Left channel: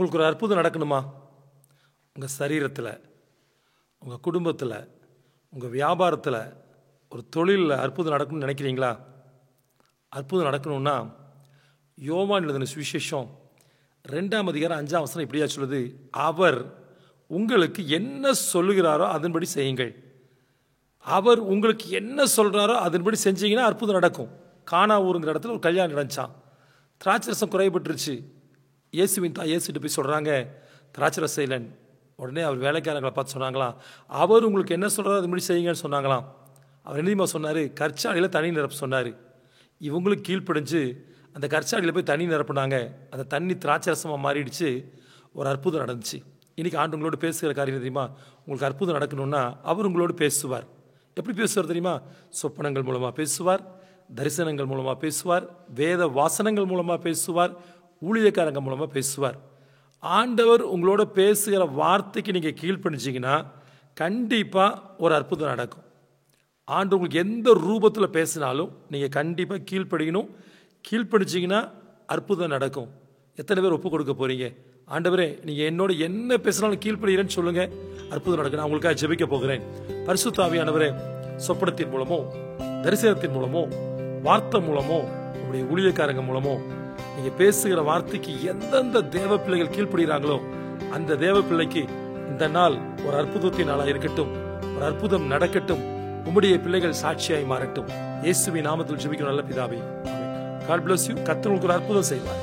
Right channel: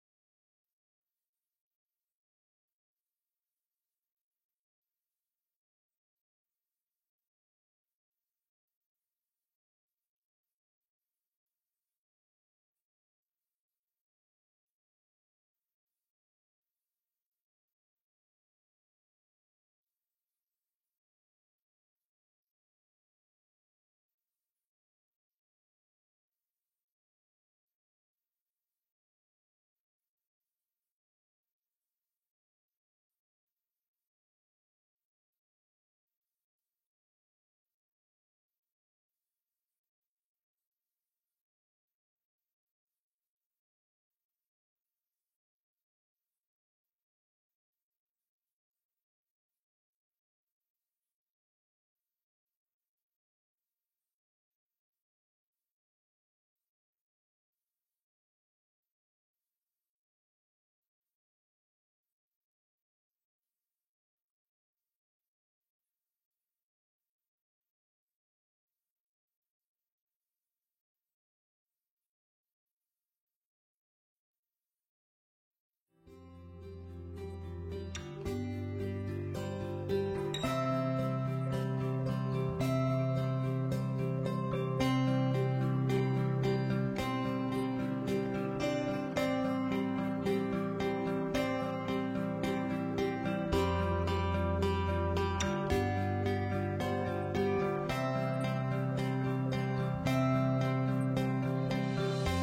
உங்களுக்கு ஒரு அற்புதம் நடக்கணுமா? உங்கள் சரீரத்தில், உங்கள் குடும்பத்தில், உங்கள் வியாபாரத்தில், ஒரு தொழிலில் அற்புதம் நடக்கணும்னு நினைக்கிறீங்களா? அற்புதம் நடக்கணும்னா யோவான் எழுதின சுவிசேஷம் 2ஆம் அதிகாரம் 5ஆம் வசனம் இப்படியா சொல்லுது, அவர் உங்களுக்கு என்ன சொல்லுகிறாரோ அதன்படி செய்யுங்கள். அவர் உங்களுக்கு என்ன சொல்கிறாரோ அதன்படி செஞ்சீங்கன்னா அற்புதம் நடக்கும். கானா ஊருங்கிற இடத்துல ஒரு கல்யாணம் நடந்துச்சான். திராட்சரசம் குறைபட்டுருச்சு. இயேசுவின் தாய் இயேசுட்டு போய் சொல்கிறாங்க, திராட்சரசம் இல்லைன்னு. உடனே அவர் வேலைக்காரங்களை பார்த்து சொன்னாங்களாம், அவர் உங்களுக்கு என்ன சொல்கிறாரோ அதுபடி செய்யுங்கன்னு சொன்னாங்களாம். அவர் என்னமா சொன்னார்? கற்சாடியில் தண்ணி நிரப்ப சொன்னார். இவங்களுக்கு கீழ்ப்படிஞ்சு அந்த கற்சாடியில் போய் தண்ணி நிரப்புனாங்க. அந்த தண்ணி திராட்சரசமாக மாறிடுச்சு. ஒரு அற்புதம் நடந்துச்சு. இன்றைக்கி ஆண்டு உங்களோட பேசுகிற காரியம் தெரியுமா? உங்களுக்கு அற்புதம் நடக்கணும்னா அவர் உங்களோடு பேசுவார். எப்படி பேசுவார் தெரியுமா? சொப்பனங்கள் மூலமாக பேசுவார், தரிசனங்கள் மூலமாக பேசுவார், வேத வாசனங்கள் மூலமாக பேசுவார், ஊழியக்காரங்க மூலமாக பேசுவார். ஆண்டவர் உங்களோட பேசுகிற வார்த்தைக்கு நீங்கள் கீழ்ப்படிச்சிங்கன்னா கண்டிப்பாக ஒரு அற்புதம் நடக்கும். ஆண்டு உங்களுக்கு எந்த ரூபத்தில் பேசினாலும் நீங்கள் கண்டிப்பாக கீழ்ப்படிக்கணும். கீழ்ப்படிச்சிங்கன்னா அற்புதம் நடக்கும். எத்தனை பேர் ஒப்பு கொடுக்க போகிறீங்க? ஆண்டவரே, நீங்கள் என்னோட என்ன பேசினாலும் கீழ்ப்படுகிறேன்னு சொல்லுங்கள், அற்புதம் நடக்கும். நான் உங்களுக்காக ஜெபிக்க போகிறேன். பரிசுத்த ஆவியானவரே, சொப்பனத்தின் மூலமோ, தரிசனத்தின் மூலமோ, வார்த்தை மூலமோ, உங்களுடைய ஊழியக்காரங்க மூலமோ நீங்கள் பேசுகிற வார்த்தைக்கு எந்தெந்த தேவ பிள்ளைகள் கீழ்ப்படுகிறாங்களோ அந்த தேவ பிள்ளைக்கு இந்த நாள் ஒரு அற்புதத்தின் நாளாக இருக்கட்டும். ஒரு அற்புதம் நடக்கட்டும். உம்முடைய பிள்ளைகள் சாட்சியாய் மாறட்டும். இயேசுவின் நாமத்தில் ஜெபிக்கிறோம் நல்ல பிதாவே. God bless you. கர்த்தர் உங்களுக்கு ஒரு அற்புதம் செய்வார்.